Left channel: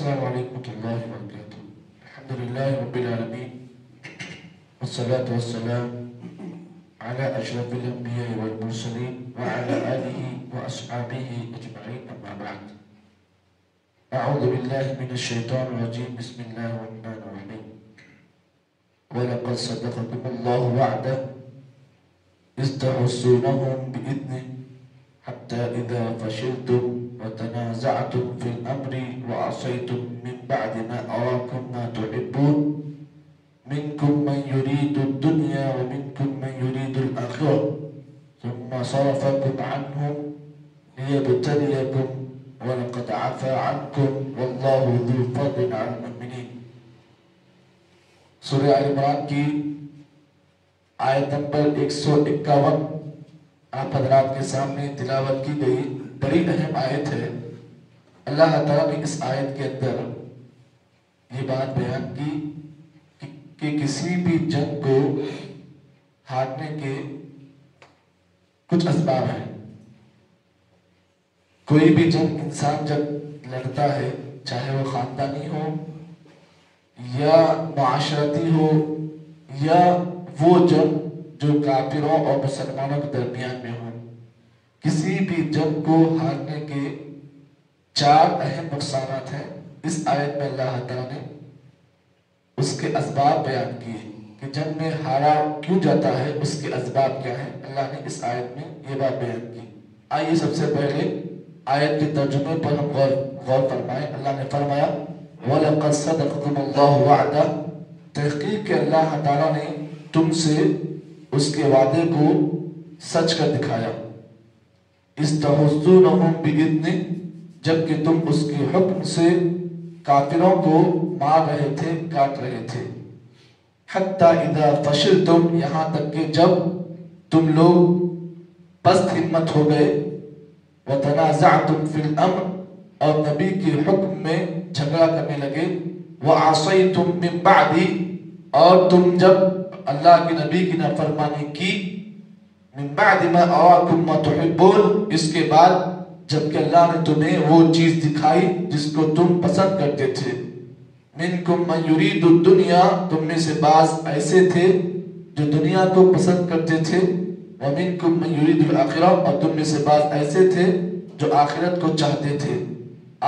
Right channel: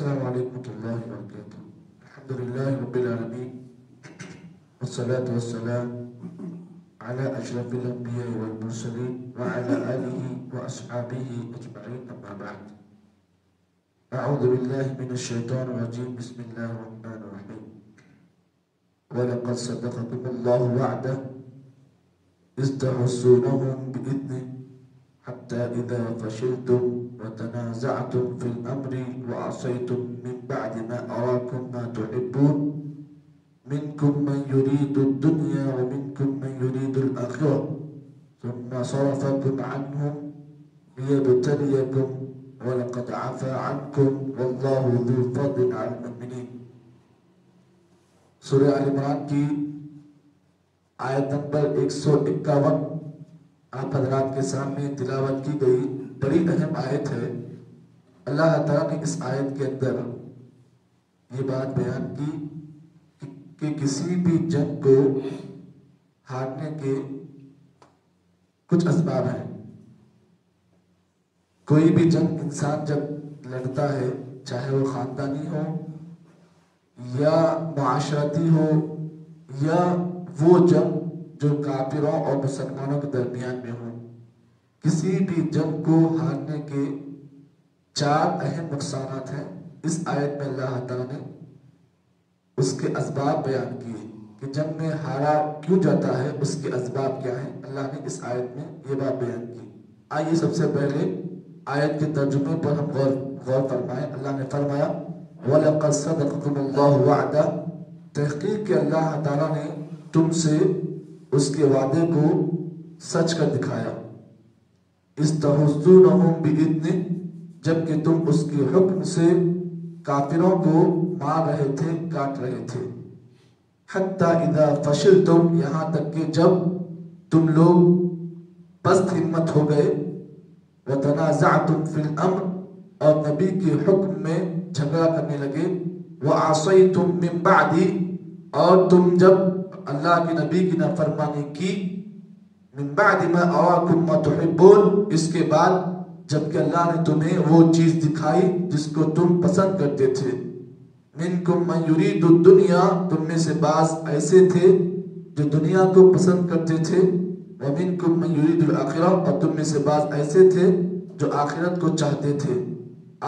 السلام علیکم ورحمۃ اللہ وبرکاتہ۔ الحمد للہ رب العالمین والصلاة والسلام على اشرف الانبیاء والمرسلین وعلى آلہ واصحابہ اجمعین، اما بعد۔ اعوذ باللہ من الشیطان الرجیم، بسم اللہ الرحمن الرحیم۔ وَلَقَدْ صَدَقَكُمُ اللَّهُ وَعْدَهُ إِذْ تَحُسُّونَهُم بِإِذْنِهِ حَتَّى إِذَا فَشِلْتُمْ وَتَنَازَعْتُمْ فِي الْأَمْرِ وَعَصَيْتُمْ مِنْ بَعْدِ مَا أَرَاكُمْ مَا تُحِبُّونَ مِنْكُمْ مَنْ يُرِيدُ الدُّنْيَا وَمِنْكُمْ مَنْ يُرِيدُ الْآخِرَةَ ثُمَّ صَرَفَكُمْ عَنْهُمْ لِيَبْتَلِيَكُمْ وَلَقَدْ عَفَا عَنْكُمْ وَاللَّهُ ذُو فَضْلٍ عَلَى الْمُؤْمِنِينَ۔ سورہ آل عمران کی آیت نمبر 151 آپ حضرات کے سامنے تلاوت کی گئی بڑی اہم آیت ہے۔ اللہ تعالیٰ نے اس آیت کے اندر یہ بات بیان کی کہ کسی بھی جنگ کو ہارنے کے کچھ اسباب ہیں۔ کوئی بھی جنگ انسان جب لڑتا ہے، چاہے وہ خاندانی ہو یا معاشرتی ہو یا وہ جنگ جو کافروں اور مسلمانوں کے درمیان میں ہو، کسی بھی جنگ کو ہارنے کے 4 اہم نقصانات ہیں۔ اس آیت میں اللہ تعالیٰ نے اس کے اسباب بیان کیے کہ جنگ میں ہارا کیوں جاتا ہے، اس کے اسباب کیا ہیں۔ اللہ نے اس آیت میں یہ بات بیان کی۔ آئیے سب سے پہلے آیت کے ترجمے پر ہم غور فرمائیں۔ اللہ نے فرمایا وَلَقَدْ صَدَقَكُمُ اللَّهُ وَعْدَهُ، تحقیق کہ اللہ تعالیٰ نے تم سے اس کے وعدے کو سچ کر دکھایا۔ اِسْتَحُسُّونَهُمْ بِإِذْنِهِ، جبکہ تم اس کے حکم سے کافروں کو مار رہے تھے، کاٹ رہے تھے۔ حَتَّى إِذَا فَشِلْتُمْ، یہاں تک کہ جب تم لوگ پست ہمت ہو گئے، وَتَنَازَعْتُمْ فِي الْأَمْرِ، اور نبی کے حکم میں جھگڑا کرنے لگے، وَعَصَيْتُمْ مِنْ بَعْدِ، اور تم جب اللہ کے نبی کی نافرمانی کی، مِنْ بَعْدِ مَا أَرَاكُمْ مَا تُحِبُّونَ، اس کے بعد جبکہ اللہ نے تمہیں وہ چیز دکھائی جس کو تم پسند کرتے تھے۔ مِنْكُمْ مَنْ يُرِيدُ الدُّنْيَا، تم میں سے بعض ایسے تھے جو دنیا کو پسند کرتے تھے، وَمِنْكُمْ مَنْ يُرِيدُ الْآخِرَةَ، اور تم میں سے بعض ایسے تھے جو آخرت کو چاہتے تھے۔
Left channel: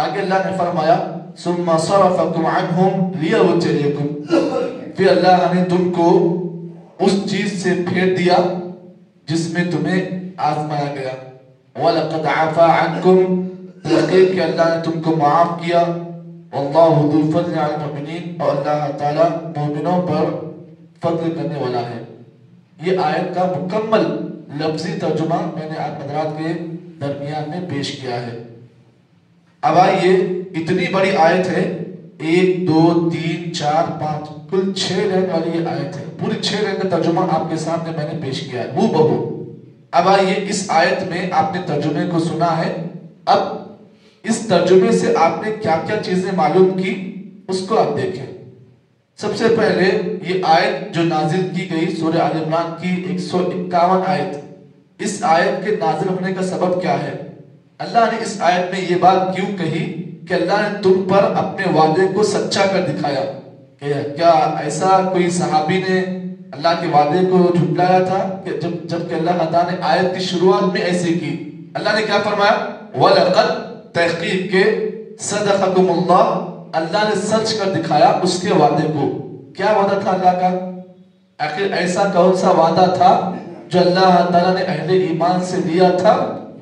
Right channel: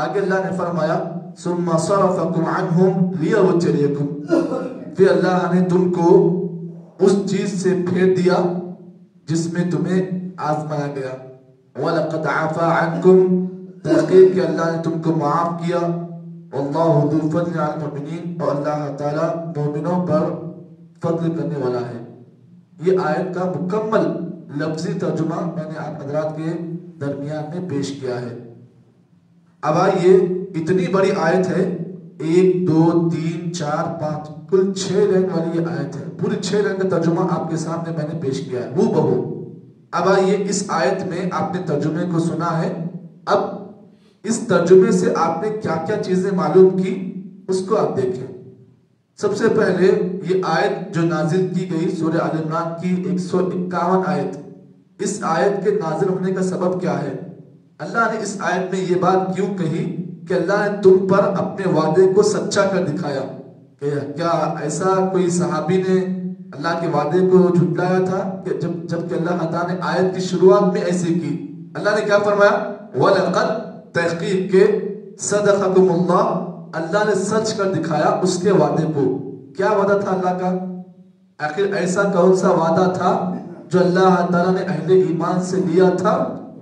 آگے اللہ نے فرمایا ثُمَّ صَرَفَكُمْ عَنْهُمْ لِيَبْتَلِيَكُمْ، پھر اللہ نے تم کو اس چیز سے پھیر دیا جس میں تمہیں آزمایا گیا۔ وَلَقَدْ عَفَا عَنْكُمْ، تحقیق کہ اللہ نے تم کو معاف کیا۔ وَاللَّهُ ذُو فَضْلٍ عَلَى الْمُؤْمِنِينَ، اور اللہ تعالیٰ مومنوں پر فضل کرنے والا ہے۔ یہ آیت کا مکمل لفظی ترجمہ میں نے آپ حضرات کے درمیان میں پیش کیا ہے۔ اب آئیے، اتنی بڑی آیت ہے، 1 2 3 4 5 کل 6 لائن والی یہ آیت ہے۔ پوری 6 لائن کا ترجمہ آپ کے سامنے میں نے پیش کیا ہے ہو بہو۔ اب آئیے، اس آیت میں آپ نے ترجمے کو سنا ہے، اب اس ترجمے سے آپ نے کیا کیا چیزیں معلوم کی اس کو آپ دیکھیں۔ سب سے پہلے یہ آیت جو نازل کی گئی سورہ آل عمران کی 151 آیت، اس آیت کے نازل ہونے کا سبب کیا ہے؟ اللہ نے اس آیت میں یہ بات کیوں کہی کہ اللہ نے تم پر اپنے وعدے کو سچا کر دکھایا؟ کیا ایسا کوئی صحابی نے اللہ کے وعدے کو جھٹلایا تھا کہ جبکہ اللہ تعالیٰ نے آیت کی شروعات میں ایسے کی؟ اللہ نے کیا فرمایا؟ وَلَقَدْ، تحقیق کے، صَدَقَكُمُ اللَّهُ، اللہ نے سچ کر دکھایا اس کے وعدے کو۔ کیا وعدہ تھا اللہ کا؟ آخر ایسا کون سا وعدہ تھا جو اللہ تعالیٰ نے اہل ایمان سے لیا تھا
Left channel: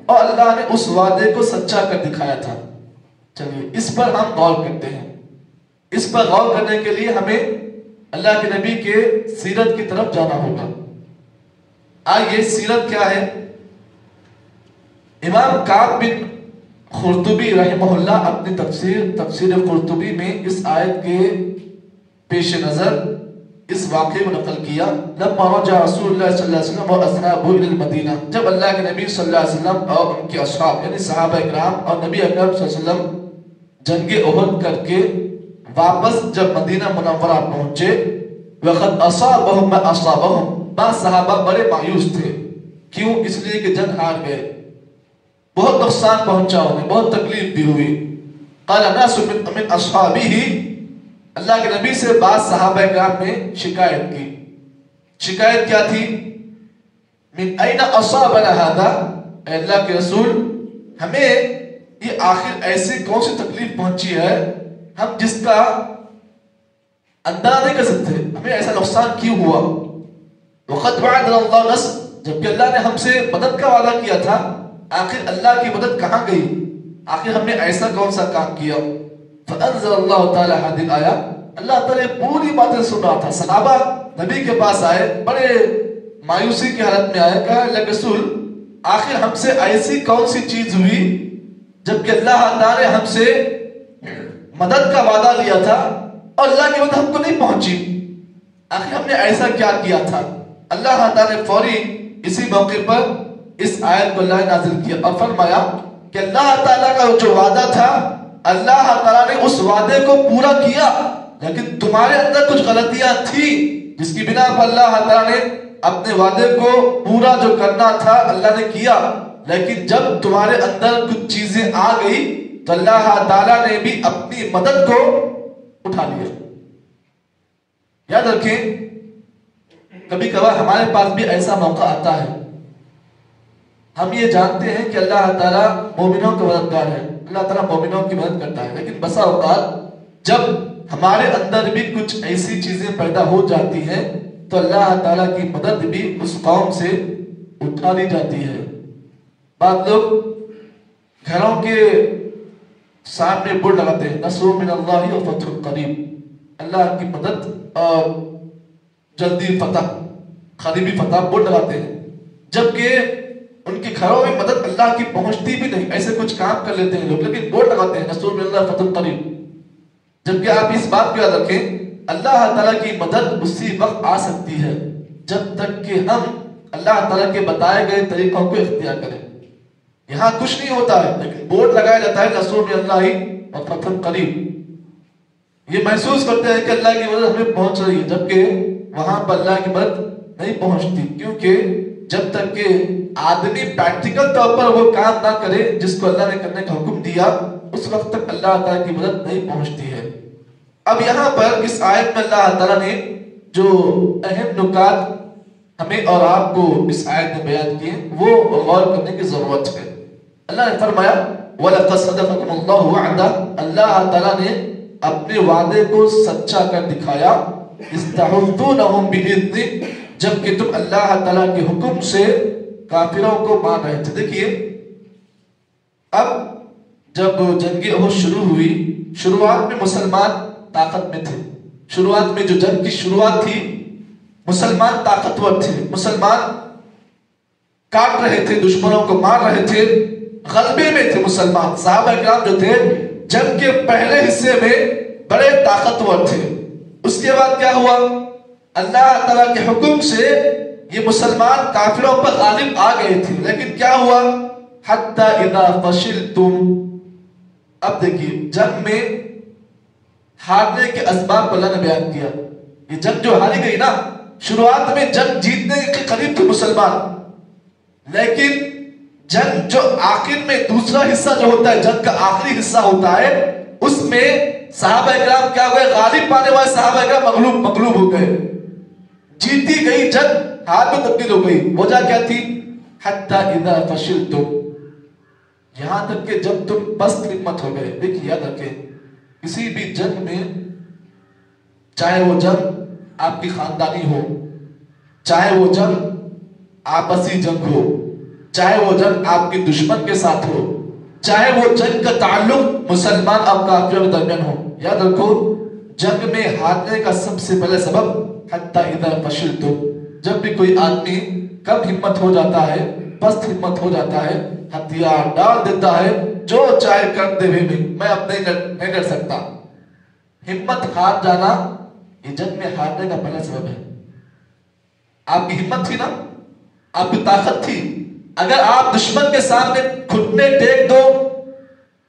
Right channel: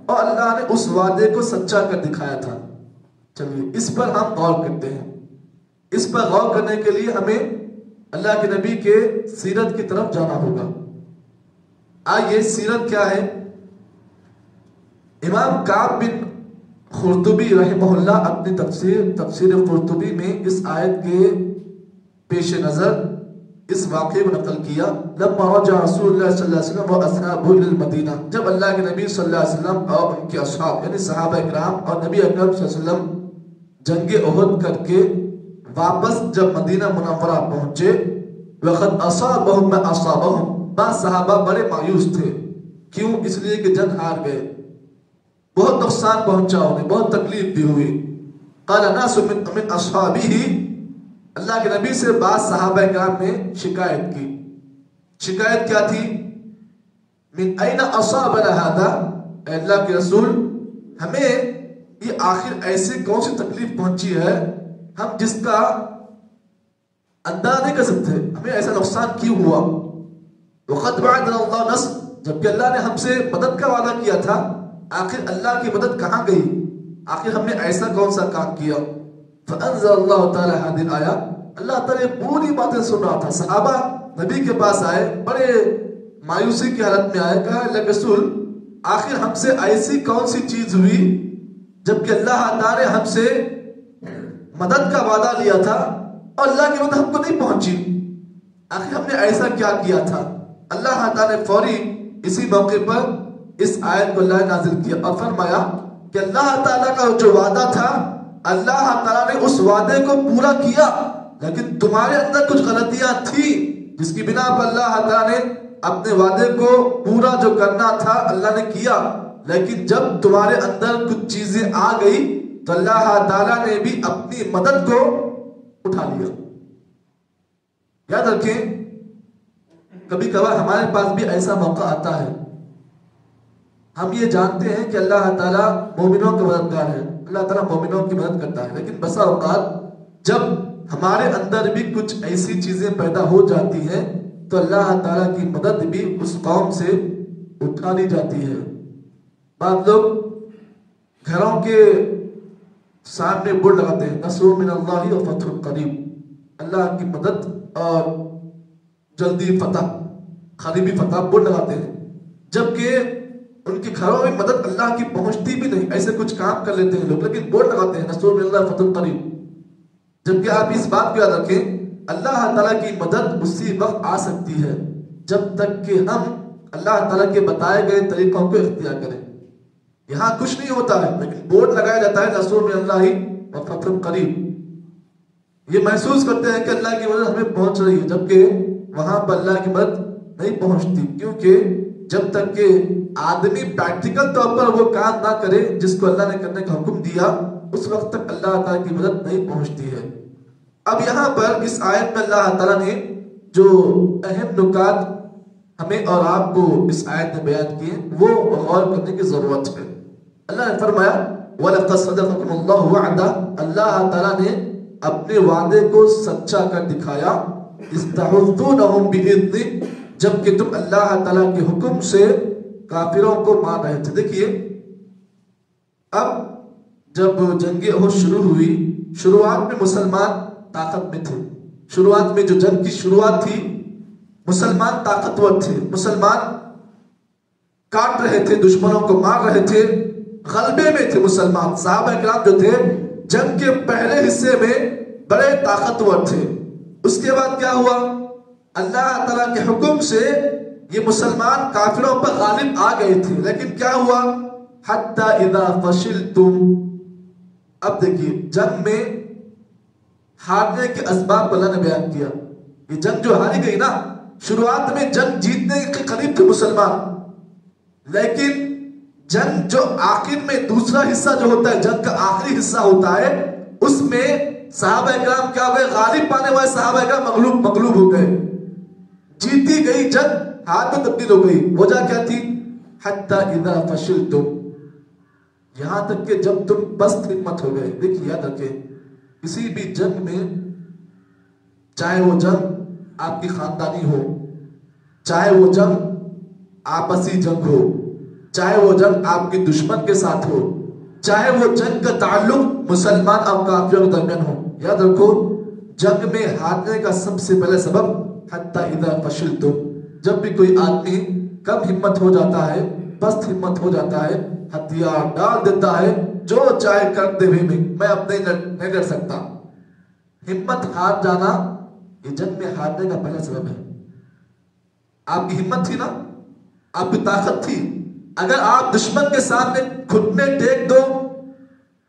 اور اللہ نے اس وعدے کو سچا کر دکھایا تھا؟ چلیے اس پر ہم غور کرتے ہیں۔ اس پر غور کرنے کے لیے ہمیں اللہ کے نبی کے سیرت کی طرف جانا ہوگا۔ آئیے، سیرت کیا ہے؟ امام کعب بن قرطبی رحمہ اللہ اپنی تفسیر قرطبی میں اس آیت کے پیش نظر اس واقعے کو نقل کیا۔ لما رجع رسول اللہ صلی اللہ علیہ وسلم واصحابہ الى المدینہ، جب اللہ کے نبی صلی اللہ علیہ وسلم اور ان کے اصحاب یعنی صحابہ اکرام اور نبی اکرم صلی اللہ علیہ وسلم جنگ احد کر کے واپس جب مدینہ منورہ پہنچے، وقد اصابهم ما اصابهم، بعض صحابہ بڑے مایوس تھے۔ کیوں؟ اس لیے کہ جنگ ہار گئے، بہت نقصان پہنچا انہیں، بہت تکلیف بھی ہوئی۔ قال ناس من اصحابہ، اللہ کے نبی سے بعض صحابہ کرام نے شکایت کی. شکایت کیا تھی؟ من این اصابنا ھذا، اے اللہ کے رسول ہمیں یہ آخر ایسی کون سی تکلیف پہنچی ہے ہم جس کا اندازہ نہیں کر سکتے، ہمیں ایسا نقصان کیوں ہوا. وقد وعدنا اللہ نصر، جبکہ اللہ نے ہم سے مدد کا وعدہ کیا تھا، آخر اللہ کی مدد کہاں گئی؟ آخر ہم نے ایسا کون سا کام کیا؟ فانزل اللہ تعالی هذه الآیہ، اللہ تعالی پوری باتیں سن رہا تھا. صحابہ نبی کے پاس آئے، بڑے مایوسی کی حالت میں آئے، کہا اللہ رسول آخر ہم سے ایسی کون سی چیز ہوئی جبکہ اللہ تعالی ہم سے مدد کا وعدہ لیا تھا اور اللہ کی مدد ہم کو نہیں پہنچی، آخر ہم نے ایسا کیا کیا تھا؟ اللہ تعالی نے فوری اسی موقع پر اس آیت کو اللہ نے نازل کیا اور فرمایا کہ اللہ تعالیٰ کا جو وعدہ تھا اللہ تعالیٰ نے اس وعدے کو پورا کیا، لیکن تمہارے اندر کچھ غلطیاں تھی جس کی بنا پر اللہ تعالیٰ نے اپنے وعدے کو پورا جو کرنا تھا اللہ نے کیا، لیکن جب تمہارے اندر کچھ چیزیں آ گئی تو اللہ تعالیٰ نے بھی اپنی مدد کو اٹھا لیا. یاد رکھیں کبھی کبھار ہمارے پاس بھی ایسا موقع آتا ہے، ہم یہ جانتے ہیں کہ اللہ تعالیٰ مومنوں کا مددگار ہے، اللہ تعالیٰ مومنوں کی مدد کرتا ہے، لیکن بسا اوقات جب ہمارے اندر بھی کچھ ایسی چیزیں پیدا ہو جاتی ہیں تو اللہ تعالیٰ کی مدد بھی اس قوم سے اٹھا لی جاتی ہے. بعض لوگ گھروں کے سامنے بورڈ لگاتے ہیں نصر من اللہ و فتح قریب، اللہ کی مدد اور جلدی فتح، قریبی فتح بورڈ لگاتے ہیں، جبکہ ان کے گھروں میں مدد اللہ کی پہنچتی بھی نہیں. ایسے کچھ کام کر لیتے ہیں لوگ لیکن بورڈ لگاتے ہیں نصر من اللہ فتح قریب، جبکہ آپ اس بات کو یاد رکھیں اللہ تعالیٰ کی مدد اسی وقت آ سکتی ہے جب تک کہ ہم اللہ تعالیٰ کے بتائے گئے طریقوں کو اختیار کریں. یہاں کچھ نہیں ہوتا ہے لیکن بورڈ لگایا جاتا ہے نصر من اللہ و فتح قریب، یہ محسوس کرتے ہیں کہ اللہ کی مدد ہمیں پہنچ رہی ہے، جبکہ وہاں پر اللہ کی مدد نہیں پہنچتی، کیونکہ جب تک کہ آدمی پریکٹیکل طور پر وہ کام نہ کرے جس کو اللہ نے کرنے کا حکم دیا اس وقت تک اللہ تعالیٰ کی مدد نہیں پہنچتی ہے. اب یہاں پر اس آیت میں اللہ تعالیٰ نے جو اہم نکات ہمیں اور آپ کو اس آیت میں بیان کیے وہ غور کرنے کی ضرورت ہے. اللہ نے فرمایا وَلَقَدْ صَدَقَكُمُ اللَّهُ وَعْدَهُ، اللہ تعالیٰ نے اپنے وعدے کو سچا کر دکھایا. اِسْتَحُفْتُونَهُمْ بِإِذْنِ، جبکہ تم اللہ تعالیٰ کے حکم سے کافروں کو مان رہے تھے. دیکھیے اب جب جنگ احد شروع ہوئی، شروعات میں مسلمان طاقت میں تھے، شروعات میں جو جنگ کی شروعات تھی مسلمان طاقتور تھے، مسلمان کاٹ رہے تھے، دشمنوں کو مار رہے تھے، غلبے میں تھے مسلمان. صحابہ کرام جو تھے جنگ کے پہلے حصے میں بڑے طاقتور تھے. اس کے بعد کیا ہوا؟ اللہ تعالیٰ کے حکم سے یہ مسلمان کافروں پر غالب آ گئے تھے، لیکن کیا ہوا؟ حتی اذا فشلتم. اب دیکھیے جنگ میں ہارنے کے اسباب کو اللہ نے بیان کیا. یہ جنگ جو ہاری گئی نا، شروعات میں جنگ جیتنے کے قریب تھے مسلمان، لیکن جنگ جو آخر میں دوسرا حصہ جو ہوتا ہے، جنگ کا آخری حصہ ہوتا ہے، اس میں صحابہ اکرام کیا ہوئے؟ غالب پانے والے صحابہ اکرام مغلوب ہو گئے. جیتی گئی جنگ ہار میں تبدیل ہو گئی. وجہ کیا تھی؟ حتی اذا فشلتم، یہاں تک کہ جب تم پست ہمت ہو گئے. دیکھیے یاد رکھیں کسی بھی جنگ میں، چاہے وہ جنگ آپ کی خاندانی ہو، چاہے وہ جنگ آپسی جنگ ہو، چاہے وہ جنگ آپ کے دشمن کے ساتھ ہو، چاہے وہ جنگ کا تعلق مسلمان اور کافروں کے درمیان ہو، یاد رکھو جنگ میں ہارنے کا سب سے پہلے سبب حتی اذا فشلتم، جب بھی کوئی آدمی کم ہمت ہو جاتا ہے، پست ہمت ہو جاتا ہے، ہتھیار ڈال دیتا ہے، جو چاہے کر دے بھی میں اب نہیں ڈر سکتا. ہمت ہار جانا یہ جنگ میں ہارنے کا پہلا سبب ہے. آپ کی ہمت تھی نا، آپ کی طاقت تھی، اگر آپ دشمن کے سامنے گھٹنے ٹیک دو،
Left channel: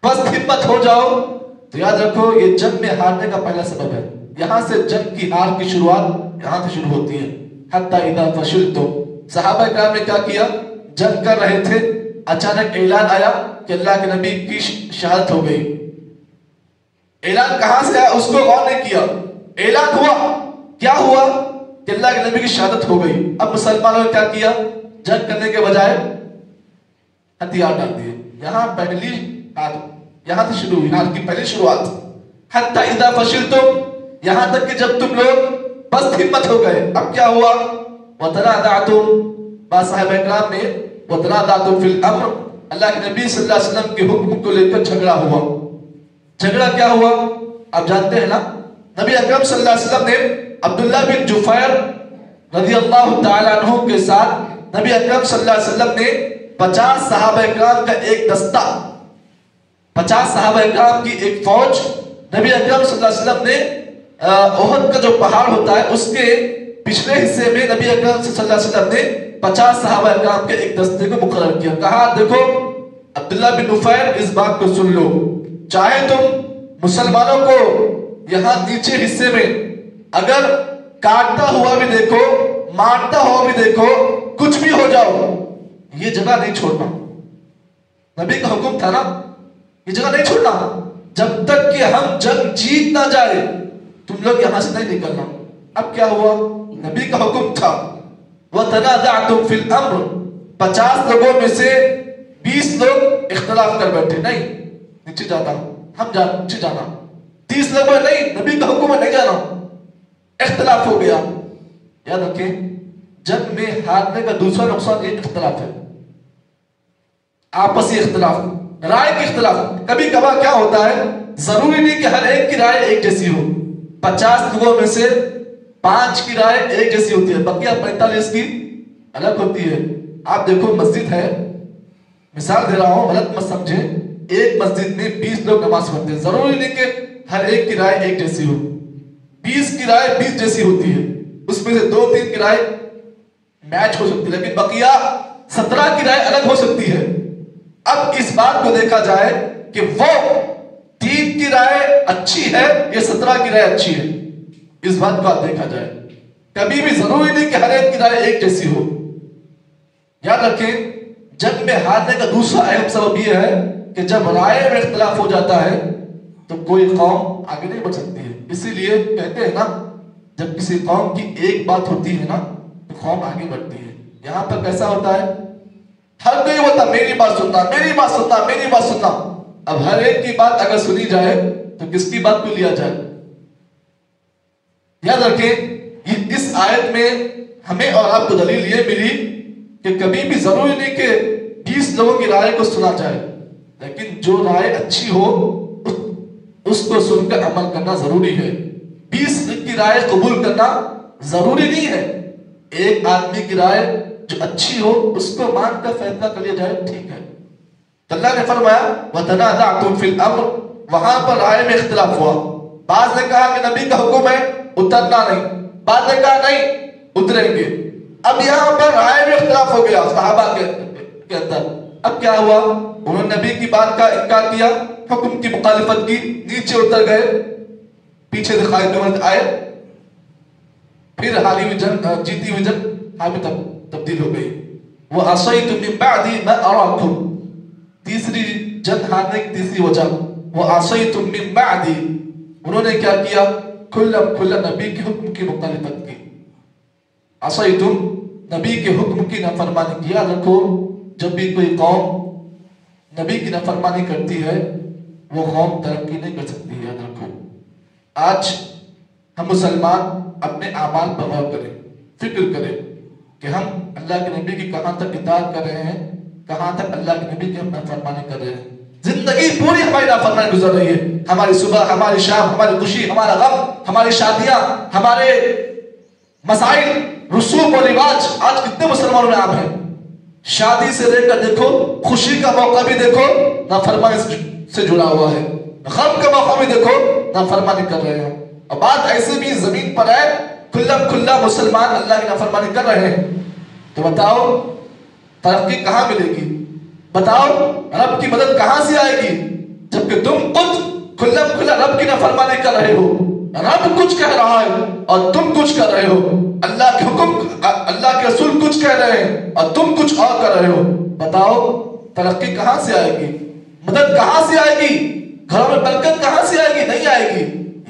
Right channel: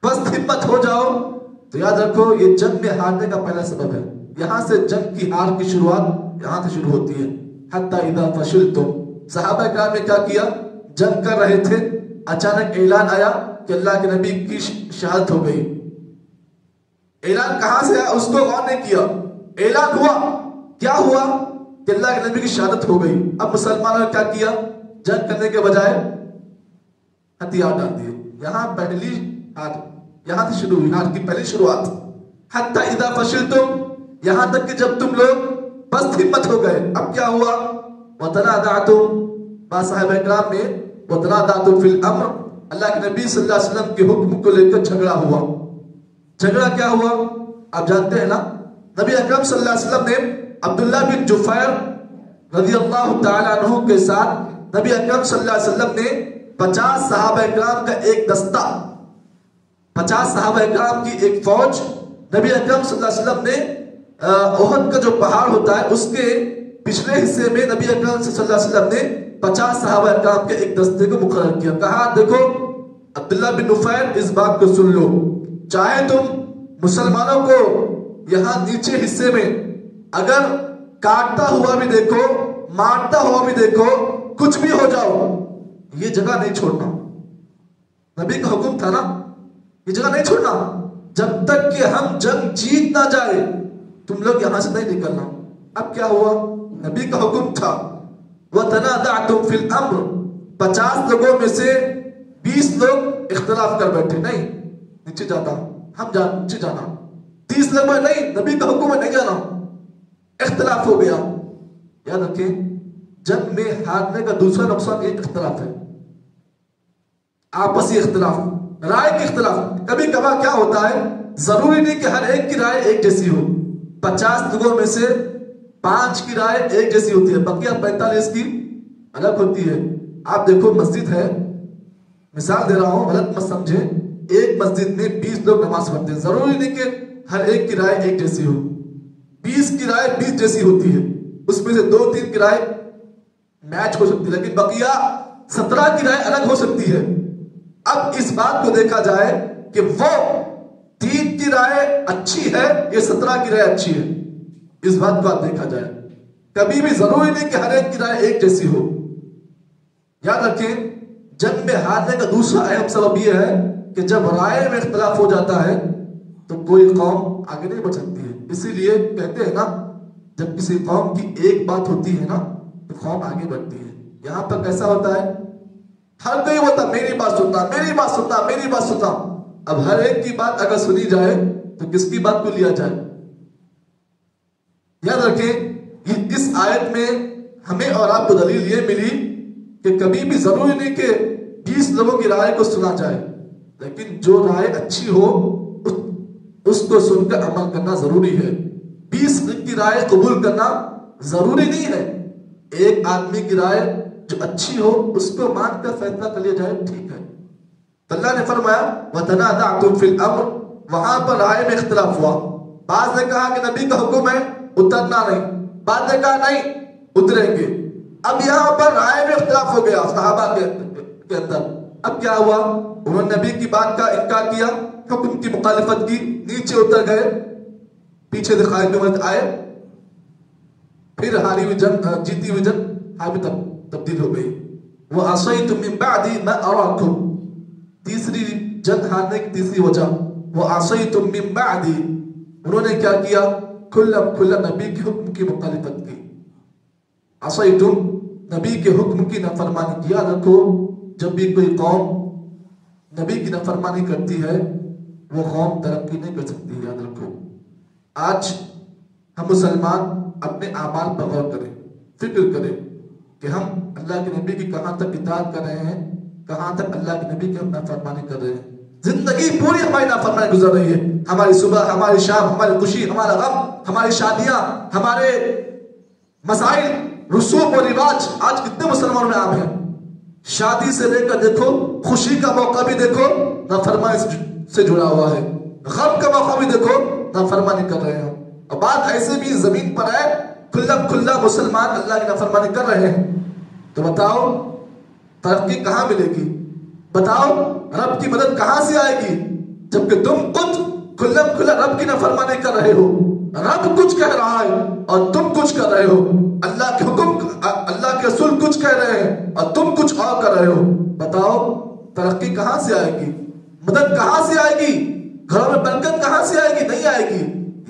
پست ہمت ہو جاؤ، تو یاد رکھو یہ جنگ میں ہارنے کا پہلا سبب ہے. یہاں سے جنگ کی ہار کی شروعات یہاں سے شروع ہوتی ہے. حتی اذا فشلتم، صحابہ کرام نے کیا کیا؟ جنگ کر رہے تھے، اچانک اعلان آیا کہ اللہ کے نبی کی شہادت ہو گئی. اعلان کہاں سے آیا اس کو غور نہیں کیا. اعلان ہوا, کیا ہوا کہ اللہ کے نبی کی شہادت ہو گئی. اب مسلمانوں نے کیا کیا, جنگ کرنے کے بجائے ہتھیار ڈال دیے. یہاں پہلی بات یہاں سے شروع ہوئی, آج کی پہلی شروعات. حتی اذا فشلتم, یہاں تک کہ جب تم لوگ بس ہمت ہو گئے. اب کیا ہوا, وتنازعتم, با صحابہ کرام میں وتنازعتم فی الامر, اللہ کے نبی صلی اللہ علیہ وسلم کے حکم کو لے کر جھگڑا ہوا. جھگڑا کیا ہوا آپ جانتے ہیں نا. نبی اکرم صلی اللہ علیہ وسلم نے عبداللہ بن جفیر رضی اللہ تعالیٰ عنہ کے ساتھ نبی اکرم صلی اللہ علیہ وسلم نے 50 صحابہ اکرام کا ایک دستہ, 50 صحابہ اکرام کی ایک فوج, نبی اکرم صلی اللہ علیہ وسلم نے احد کا جو پہاڑ ہوتا ہے اس کے پچھلے حصے میں نبی اکرم صلی اللہ علیہ وسلم نے 50 صحابہ اکرام کے ایک دستے کو مقرر کیا. کہا دیکھو عبداللہ بن نفیر اس بات کو سن لو, چاہے تم مسلمانوں کو یہاں نیچے حصے میں اگر کاٹتا ہوا بھی دیکھو, مارتا ہوا بھی دیکھو, کچھ بھی ہو جاؤ, یہ جگہ نہیں چھوڑنا. نبی کا حکم تھا نا, یہ جگہ نہیں چھوڑنا جب تک کہ ہم جنگ جیت نہ جائے, تم لوگ یہاں سے نہیں نکلنا. اب کیا ہوا, نبی کا حکم تھا وَتَنَازَعْتُمْ فِي الْأَمْرِ, 50 لوگوں میں سے 20 لوگ اختلاف کر بیٹھے, نہیں نیچے جانا, ہم نیچے جانا. 30 لوگ نہیں, نبی کا حکم ہے نہیں جانا. اختلاف ہو گیا. یاد رکھیں جنگ میں ہارنے کا دوسرا نقصان ایک اختلاف ہے, آپسی اختلاف, رائے کی اختلاف. کبھی کبھار کیا ہوتا ہے, ضروری نہیں کہ ہر ایک کی رائے ایک جیسی ہو. 50 لوگوں میں سے 5 کی رائے ایک جیسی ہوتی ہے, بقیہ 45 کی الگ ہوتی ہے. آپ دیکھو مسجد ہے, مثال دے رہا ہوں غلط مت سمجھیں, ایک مسجد میں 20 لوگ نماز پڑھتے ہیں, ضروری نہیں کہ ہر ایک کی رائے ایک جیسی ہو. 20 کی رائے 20 جیسی ہوتی ہے, اس میں سے 2-3 کی رائے میچ ہو سکتی ہے, لیکن بقیہ 17 کی رائے الگ ہو سکتی ہے. اب اس بات کو دیکھا جائے کہ وہ 3 کی رائے اچھی ہے یا 17 کی رائے اچھی ہے, اس بات کو آپ دیکھا جائے. کبھی بھی ضروری نہیں کہ ہر ایک کی رائے ایک جیسی ہو. یاد رکھیں جنگ میں ہارنے کا دوسرا اہم سبب یہ ہے کہ جب رائے میں اختلاف ہو جاتا ہے تو کوئی قوم آگے نہیں بڑھ سکتی ہے. اسی لیے کہتے ہیں نا جب کسی قوم کی ایک بات ہوتی ہے نا تو قوم آگے بڑھتی ہے. یہاں پر کیسا ہوتا ہے, ہر کوئی ہوتا میری بات سننا, میری بات سننا, میری بات سننا. اب ہر ایک کی بات اگر سنی جائے تو کس کی بات کو لیا جائے. یاد رکھیں اس آیت میں ہمیں اور آپ کو دلیل یہ ملی کہ کبھی بھی ضروری نہیں کہ 20 لوگوں کی رائے کو سنا جائے, لیکن جو رائے اچھی ہو اس کو سن کر عمل کرنا ضروری ہے. 20 کی رائے قبول کرنا ضروری نہیں ہے. ایک آدمی کی رائے جو اچھی ہو اس کو مان کر فیصلہ کر لیا جائے, ٹھیک ہے. تو اللہ نے فرمایا وَتَنَازَعْتُمْ فِي الْأَمْرِ, وہاں پر رائے میں اختلاف ہوا. بعض نے کہا کہ نبی کا حکم ہے اترنا نہیں, بعض نے کہا نہیں اتریں گے. اب یہاں پر رائے میں اختلاف ہو گیا صحابہ کے اندر. اب کیا ہوا, انہوں نے نبی کی بات کا انکار کیا, حکم کی مخالفت کی, نیچے اتر گئے, پیچھے سے خالد بن ولید آئے, پھر ہاری ہوئی جنگ, جیتی ہوئی جنگ ہار میں تبدیل ہو گئی. وَعَصَيْتُم مِّن بَعْدِ مَا أَرَاكُمْ, تیسری جنگ ہارنے کی تیسری وجہ وَعَصَيْتُم مِّن بَعْدِ, انہوں نے کیا کیا, کھلا نبی کے حکم کی مخالفت کی. عصیتم, نبی کے حکم کی نافرمانی کیا. رکھو جب بھی کوئی قوم نبی کی نافرمانی کرتی ہے وہ قوم ترقی نہیں کر سکتی. یاد رکھو آج ہم مسلمان اپنے اعمال پر غور کریں, فکر کریں کہ ہم اللہ کے نبی کی کہاں تک اطاعت کر رہے ہیں, کہاں تک اللہ کے نبی کی ہم نافرمانی کر رہے ہیں. زندگی پوری ہماری نافرمانی گزر رہی ہے. ہماری صبح, ہماری شام, ہماری خوشی, ہمارا غم, ہماری شادیاں, ہمارے مسائل, رسوم و رواج آج کتنے مسلمانوں میں عام ہیں. شادی سے لے کر دیکھو, خوشی کا موقع بھی دیکھو نافرمانی سے جڑا ہوا ہے, غم کا موقع بھی دیکھو نافرمانی کر رہے ہیں. اور بات ایسے بھی زمین پر ہے کھلا مسلمان اللہ کی نافرمانی کر رہے ہیں. تو بتاؤ ترقی کہاں ملے گی, بتاؤ رب کی مدد کہاں سے آئے گی جبکہ تم خود کھلا رب کی نافرمانی کر رہے ہو. رب کچھ کہہ رہا ہے اور تم کچھ کر رہے ہو. اللہ کے حکم, اللہ کے رسول کچھ کہہ رہے ہیں اور تم کچھ اور کر رہے ہو. بتاؤ ترقی کہاں سے آئے گی, مدد کہاں سے آئے گی, گھروں میں برکت کہاں سے آئے گی, نہیں آئے